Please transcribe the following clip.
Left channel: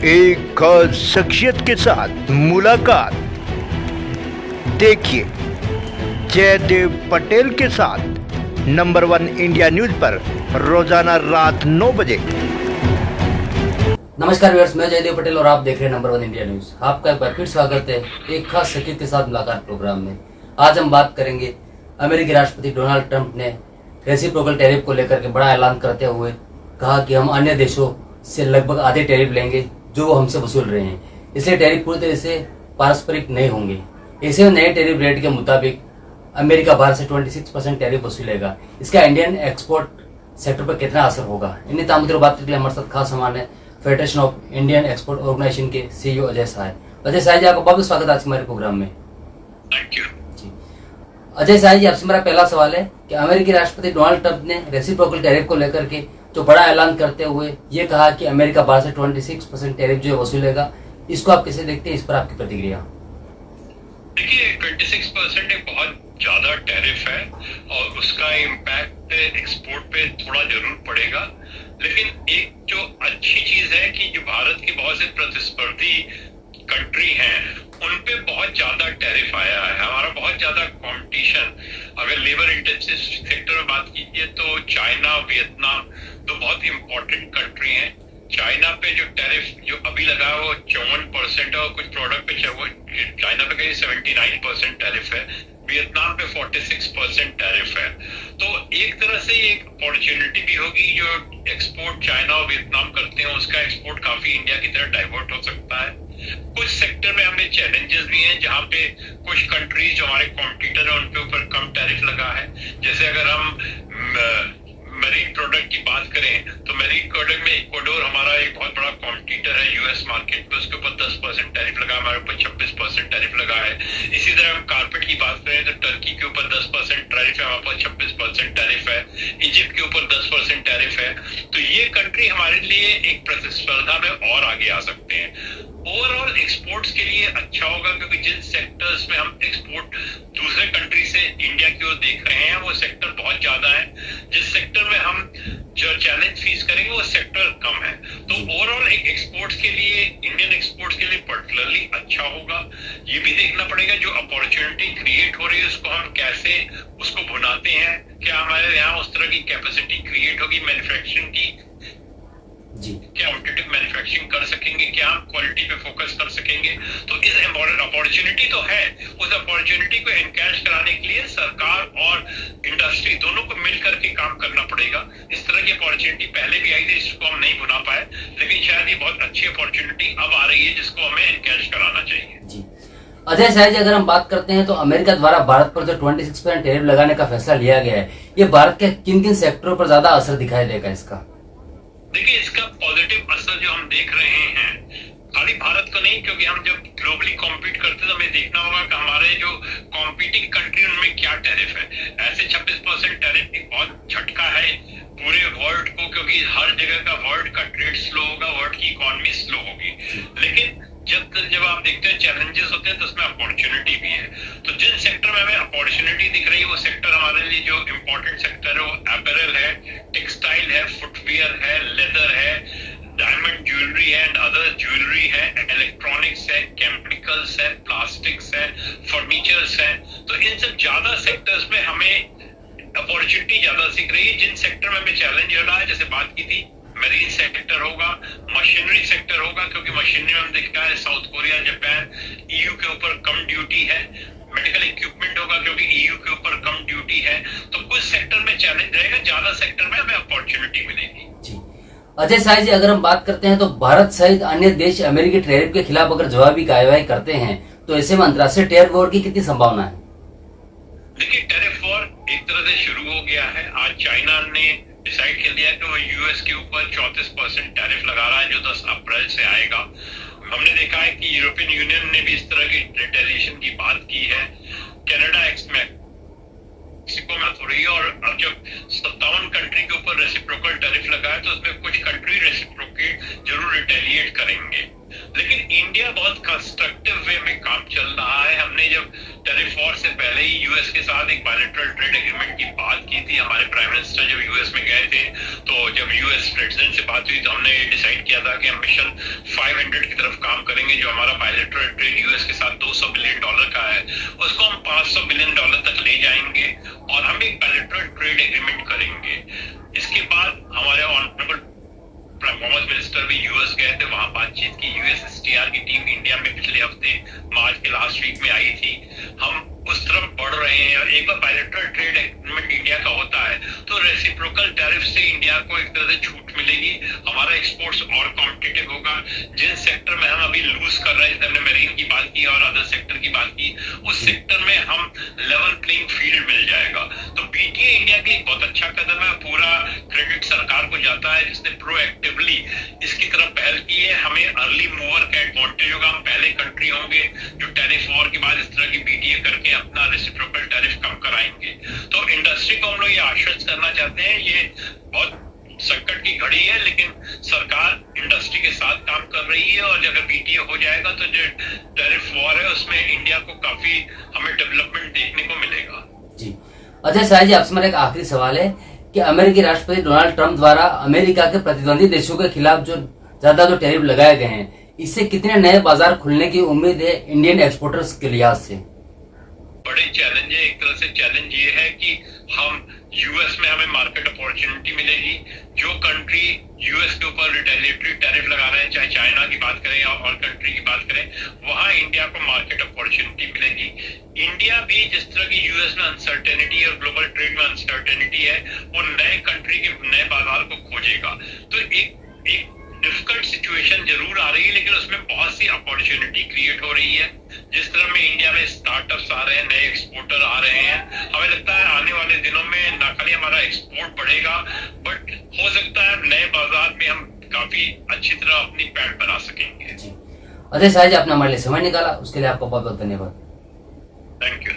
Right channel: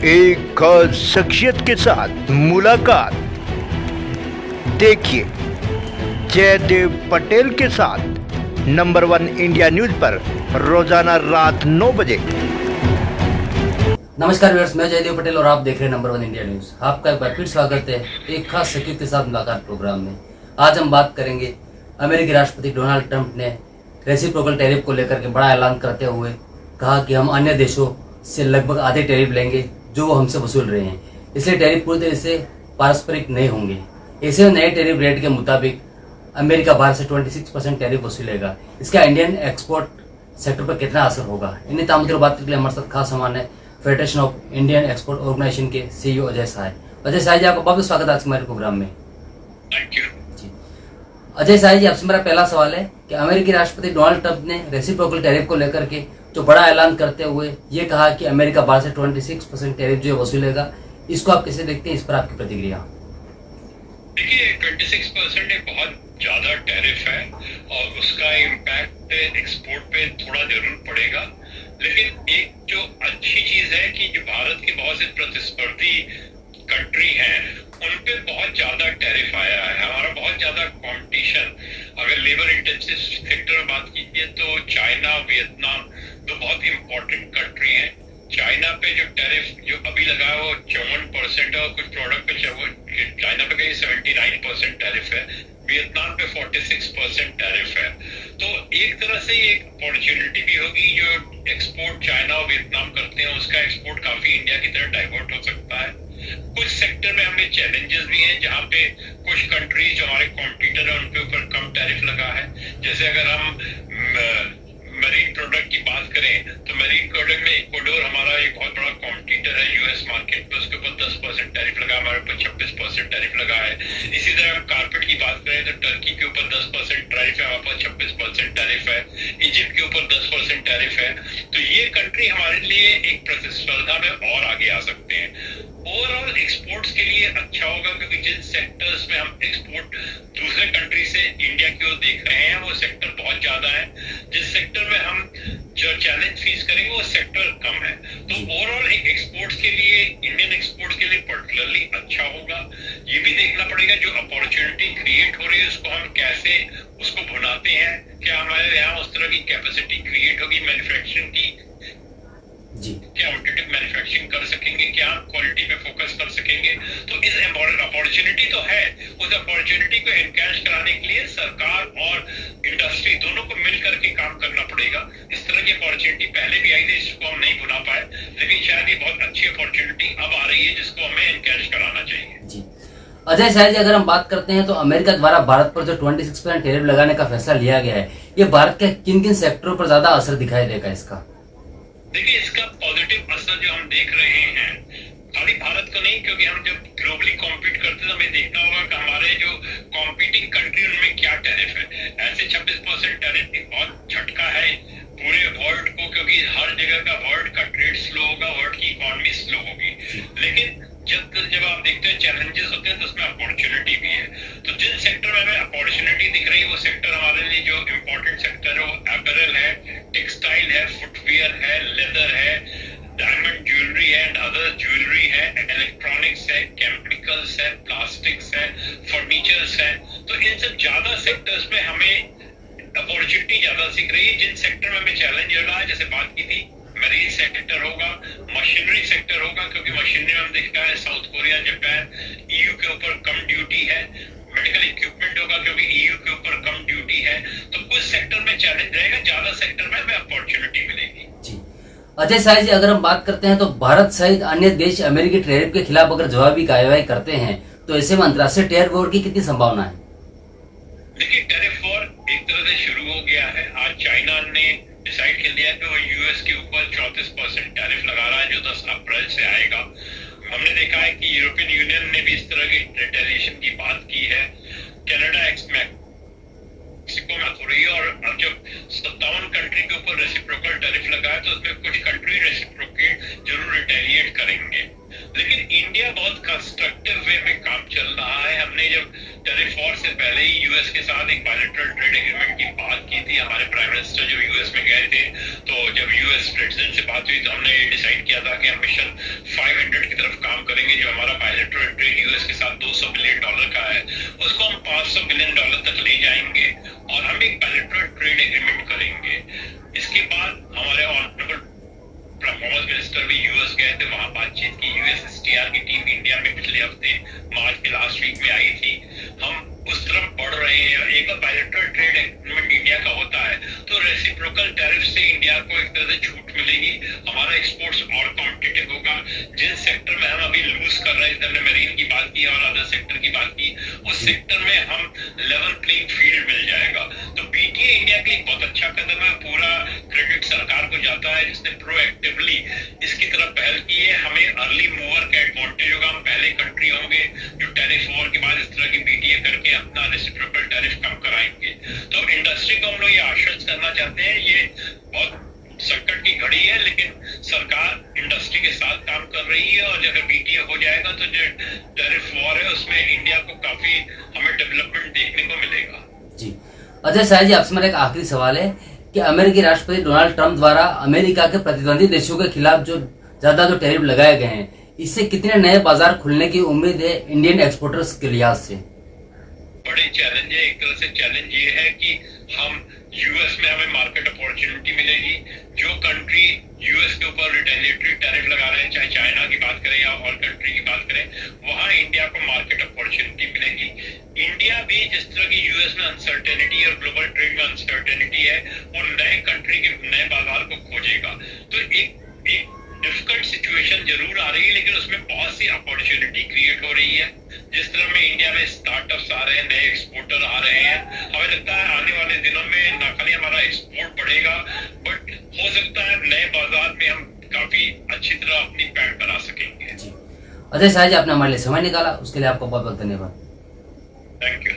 एक खास शख्सियत के साथ मुलाकात। देखिए जयदेव पटेल के साथ नंबर 1 इंडिया न्यूज पर रोजाना रात 9 बजे। नमस्कार व्यूअर्स, मैं जयदेव पटेल और आप देख रहे हैं नंबर 1 इंडिया न्यूज। आपका एक बार फिर स्वागत है एक खास शख्सियत के साथ मुलाकात प्रोग्राम में। आज हम बात करेंगे अमेरिकी राष्ट्रपति डोनाल्ड ट्रंप ने रेसिप्रोकल टैरिफ को लेकर के बड़ा ऐलान करते हुए कहा कि हम अन्य देशों से लगभग आधे टैरिफ लेंगे जो वो हमसे वसूल रहे हैं, इसलिए टैरिफ पूरी तरह से पारस्परिक नहीं होंगे। ऐसे में नए टैरिफ रेट के मुताबिक अमेरिका भारत से 26% टैरिफ वसूलेगा। इसका इंडियन एक्सपोर्ट सेक्टर पर कितना असर होगा, इन्हीं तमाम मुद्दों पर बात करने के लिए हमारे साथ खास मेहमान है federation of Indian export organisation के सीईओ अजय साय। अजय साय जी, आपका बहुत स्वागत है आज हमारे प्रोग्राम में। थैंक यू जी अजय साय जी, आपसे मेरा पहला सवाल है कि अमेरिकी राष्ट्रपति डोनाल्ड ट्रंप ने रेसिप्रोकल टैरिफ को लेकर के जो बड़ा ऐलान करते हुए ये कहा कि अमेरिका भारत से 26% टैरिफ जो वसूलेगा, इसको आप कैसे देखते हैं, इस पर आपकी प्रतिक्रिया? देखिए, 26% एक बहुत ज्यादा टैरिफ है और उसका इम्पैक्ट एक्सपोर्ट पे थोड़ा जरूर पड़ेगा। लेकिन एक जो अच्छी चीज है कि जो भारत के बहुत से प्रतिस्पर्धी कंट्री हैं उन पे बहुत ज्यादा टैरिफ आया है। हमारा बहुत ज्यादा कंपटीशन, अगर लेबर इंटेंसिव सेक्टर में बात कीजिए तो चाइना, वियतनाम तो बहुत इंपॉर्टेंट कंट्री हैं। चाइना पे जो टैरिफ जो अभी लगा है वो 54% है और कुछ प्रोडक्ट पे चाइना पे कहीं 79% टैरिफ है, वियतनाम पे 46% टैरिफ है। तो एक तरह से ये एक अपॉर्चुनिटी भी होगी, जो एक्सपोर्ट चाइना और वियतनाम करते हैं उसका एक्सपोर्ट काफी इंडिया की तरफ डाइवर्ट हो सकता है। कुछ सेक्टर में हमें चैलेंजेस भी हैं जहां पे कुछ कंट्रीज जो हमारे कॉम्पिटिटर है उनके ऊपर कम टैरिफ लगा है। जैसे अगर हम मरीन प्रोडक्ट की बात करें तो मरीन प्रोडक्ट में इक्वाडोर हमारा एक बहुत बड़ा कॉम्पिटिटर है यूएस मार्केट में, उसके ऊपर 10% टैरिफ लगा, हमारे ऊपर 26% टैरिफ लगा है। इसी तरह हम कारपेट की बात करें तो टर्की के ऊपर 10% टैरिफ है, हमारे पास 26% टैरिफ है। इजिप्ट के ऊपर 10% टैरिफ है। तो ये कंट्री हमारे लिए एक प्रतिस्पर्धा में और आगे आ सकते हैं। ओवरऑल एक्सपोर्ट्स के लिए अच्छा होगा क्योंकि जिन सेक्टर्स में हम एक्सपोर्ट दूसरे कंट्री से इंडिया की ओर देख रहे हैं वो सेक्टर बहुत ज्यादा है। जिस सेक्टर में हम जो चैलेंज फेस करेंगे वो सेक्टर कम है। तो ओवरऑल एक एक्सपोर्ट्स के लिए, इंडियन एक्सपोर्ट्स के लिए पर्टिकुलरली अच्छा होगा। ये भी देखना पड़ेगा जो अपॉर्चुनिटी क्रिएट हो रही है उसको हम कैसे उसको भुनाते हैं। क्या हमारे यहाँ उस तरह की कैपेसिटी क्रिएट होगी मैन्युफैक्चरिंग की जी, क्या कॉम्पिटिटिव मैन्युफैक्चरिंग कर सकेंगे, क्या हम क्वालिटी पे फोकस कर सकेंगे। तो इस अपॉर्चुनिटी तो है, उस अपॉर्चुनिटी को एनकैश कराने के लिए सरकार और इंडस्ट्री दोनों को मिल करके काम करना पड़ेगा। इस तरह की अपॉर्चुनिटी पहले भी आई थी, जिसको हम नहीं भुना पाए, लेकिन शायद ये बहुत अच्छी अपॉर्चुनिटी अब आ रही है जिसको हमें एनकैश कराना चाहिए। जी अजय साय जी, अगर हम बात करते हैं तो अमेरिका द्वारा भारत पर जो 26% टैरिफ लगाने का फैसला लिया गया है, ये भारत के किन किन सेक्टरों पर ज्यादा असर दिखाई देगा इसका? देखिए, इसका पॉजिटिव असर जो हम देख रहे हैं खाली भारत को नहीं, क्योंकि हम जब ग्लोबली कॉम्पीट करते हैं तो हमें देखना होगा कि हमारे जो कॉम्पीटिंग कंट्री उनमें क्या टैरिफ है। ऐसे 26% टैरिफ एक बहुत झटका है पूरे वर्ल्ड को, क्योंकि हर जगह का वर्ल्ड का ट्रेड स्लो होगा, वर्ल्ड की इकोनॉमी स्लो होगी। लेकिन जब आप देखते हैं चैलेंजेस होते हैं तो उसमें अपॉर्चुनिटी भी है। तो जिन सेक्टर में हमें अपॉर्चुनिटी दिख रही है वो सेक्टर हमारे लिए जो इम्पोर्टेंट सेक्टर है वो अपैरल है, टेक्सटाइल है, फुटवियर है, लेदर है, डायमंड ज्वेलरी है एंड अदर ज्वेलरी है, इलेक्ट्रॉनिक्स है, केमिकल्स है, प्लास्टिक्स है, फर्नीचर्स है। तो इन सब ज्यादा सेक्टर्स में हमें अपॉर्चुनिटी ज्यादा दिख रही है। जिन सेक्टर में हमें चैलेंज हो रहा है, जैसे बात की थी, मरीन सेक्टर होगा, मशीनरी सेक्टर होगा, क्योंकि मशीनरी में हम देखा है साउथ कोरिया, जापान, ईयू के ऊपर कम ड्यूटी है। मेडिकल इक्विपमेंट होगा क्योंकि ईयू के ऊपर कम ड्यूटी है। तो कुछ सेक्टर में चैलेंज रहेगा, ज्यादा सेक्टर में हमें अपॉर्चुनिटी मिलेगी। जी अजय साय जी, अगर हम बात करते हैं तो भारत सहित अन्य देश अमेरिकी टैरिफ के खिलाफ अगर जवाबी कार्रवाई करते हैं तो ऐसे में अंतर्राष्ट्रीय टैरिफ वॉर की कितनी संभावना है? देखिए, टैरिफ वॉर एक तरह से शुरू हो गया है। आज चाइना ने डिसाइड कर लिया कि वो यूएस के ऊपर 34% टैरिफ लगा रहा है जो 10 अप्रैल से आएगा। हमने देखा है कि यूरोपियन यूनियन ने भी इस तरह की रिटेलिएशन की बात की है। कनाडा मेक्सिको में हो रही है और अब जब 57 कंट्री के ऊपर रेसिप्रोकल टैरिफ लगा है तो उसमें कुछ कंट्री रेसिप्रोकेट जरूर रिटेलिएट करेंगे। लेकिन इंडिया बहुत कंस्ट्रक्टिव वे में काम चल रहा है। हमने जब टैरिफ वॉर से पहले ही यूएस के साथ एक बायलैटरल ट्रेड एग्रीमेंट की बात की थी। हमारे प्राइम मिनिस्टर जब यूएस में गए थे तो जब यूएस प्रेसिडेंट से बात हुई तो हमने डिसाइड किया था कि हम मिशन 500 की तरफ काम करेंगे। जो हमारा बायलैटरल ट्रेड यूएस के साथ $200 बिलियन का है, उसको हम $500 बिलियन तक ले जाएंगे और हम एक बायलैटरल ट्रेड एग्रीमेंट करेंगे। इसके बाद हमारे ऑनरेबल कॉमर्स मिनिस्टर भी यूएस गए थे, वहां बातचीत की। यूएसएसटीआर की टीम इंडिया में पिछले हफ्ते मार्च के लास्ट वीक में आई थी। हम उस तरफ बढ़ रहे हैं और एक बार बायलैटरल ट्रेड एग्रीमेंट इंडिया का होता है तो रेसिप्रोकल टैरिफ से इंडिया को एक तरह से छूट मिलेगी, हमारा एक्सपोर्ट्स और कॉम्पिटिटिव होगा। जिन सेक्टर में हम अभी लूज कर रहे हैं, जैसे हमने मेरीन की बात की और अदर सेक्टर की बात की, उस सेक्टर में हम लेवल प्लेइंग फील्ड मिल जाएगा। तो बीटीए इंडिया के लिए बहुत अच्छा कदम है। पूरा क्रेडिट सरकार को जाता है जिसने प्रोएक्टिवली इसकी तरफ पहल की है। हमें अर्ली मूवर का एडवांटेज होगा, हम पहले कंट्री होंगे जो टैरिफ वॉर के बाद इस तरह की बीटीए करके अपना रेसिप्रोकल टैरिफ कम कराएंगे। तो इंडस्ट्री को हम लोग ये आश्वस्त करना चाहते हैं, ये बहुत संकट की घड़ी है लेकिन सरकार इंडस्ट्री के साथ काम कर रही है और अगर बीटीए हो जाएगा तो जो टैरिफ वॉर है उसमें इंडिया को काफी हमें डेवलपमेंट देखने को मिलेगा। जी अजय शाह जी, आपसे मेरा एक आखिरी सवाल है कि अमेरिकी राष्ट्रपति डोनाल्ड ट्रंप द्वारा अमेरिका के प्रतिद्वंदी देशों के खिलाफ जो ज्यादा जो टैरिफ लगाए गए हैं, इससे कितने नए बाजार खुलने की उम्मीद है इंडियन एक्सपोर्टर्स के लिहाज से? बड़े चैलेंज है। एक तरह से चैलेंज ये है कि हम यूएस में हमें मार्केट अपॉर्चुनिटी मिलेगी। जो कंट्री यूएस के ऊपर रिटेलिएटरी टैरिफ लगा रहे हैं, चाहे चाइना की बात करें या और कंट्री की बात करें, वहां इंडिया को मार्केट अपॉर्चुनिटी मिलेगी। इंडिया भी जिस तरह की यूएस में अनसर्टेनिटी और ग्लोबल ट्रेड में अनसर्टेनिटी है, वो नए कंट्री के नए बाजार को खोजेगा। तो एक डिफिकल्ट सिचुएशन जरूर आ रही है लेकिन उसमें बहुत सी अपॉर्चुनिटी क्रिएट हो रही है। जिस तरह में इंडिया में स्टार्टअप्स आ रहे हैं, नए एक्सपोर्टर आ रहे हैं, हमें लगता है आने वाले दिनों में न खाली हमारा एक्सपोर्ट बढ़ेगा बट हो सकता है नए बाजार में हम काफी अच्छी तरह अपनी पैठ बना सकेंगे। अजय शाह जी, आपने हमारे लिए समय निकाला, उसके लिए आपका बहुत बहुत धन्यवाद। Thank you.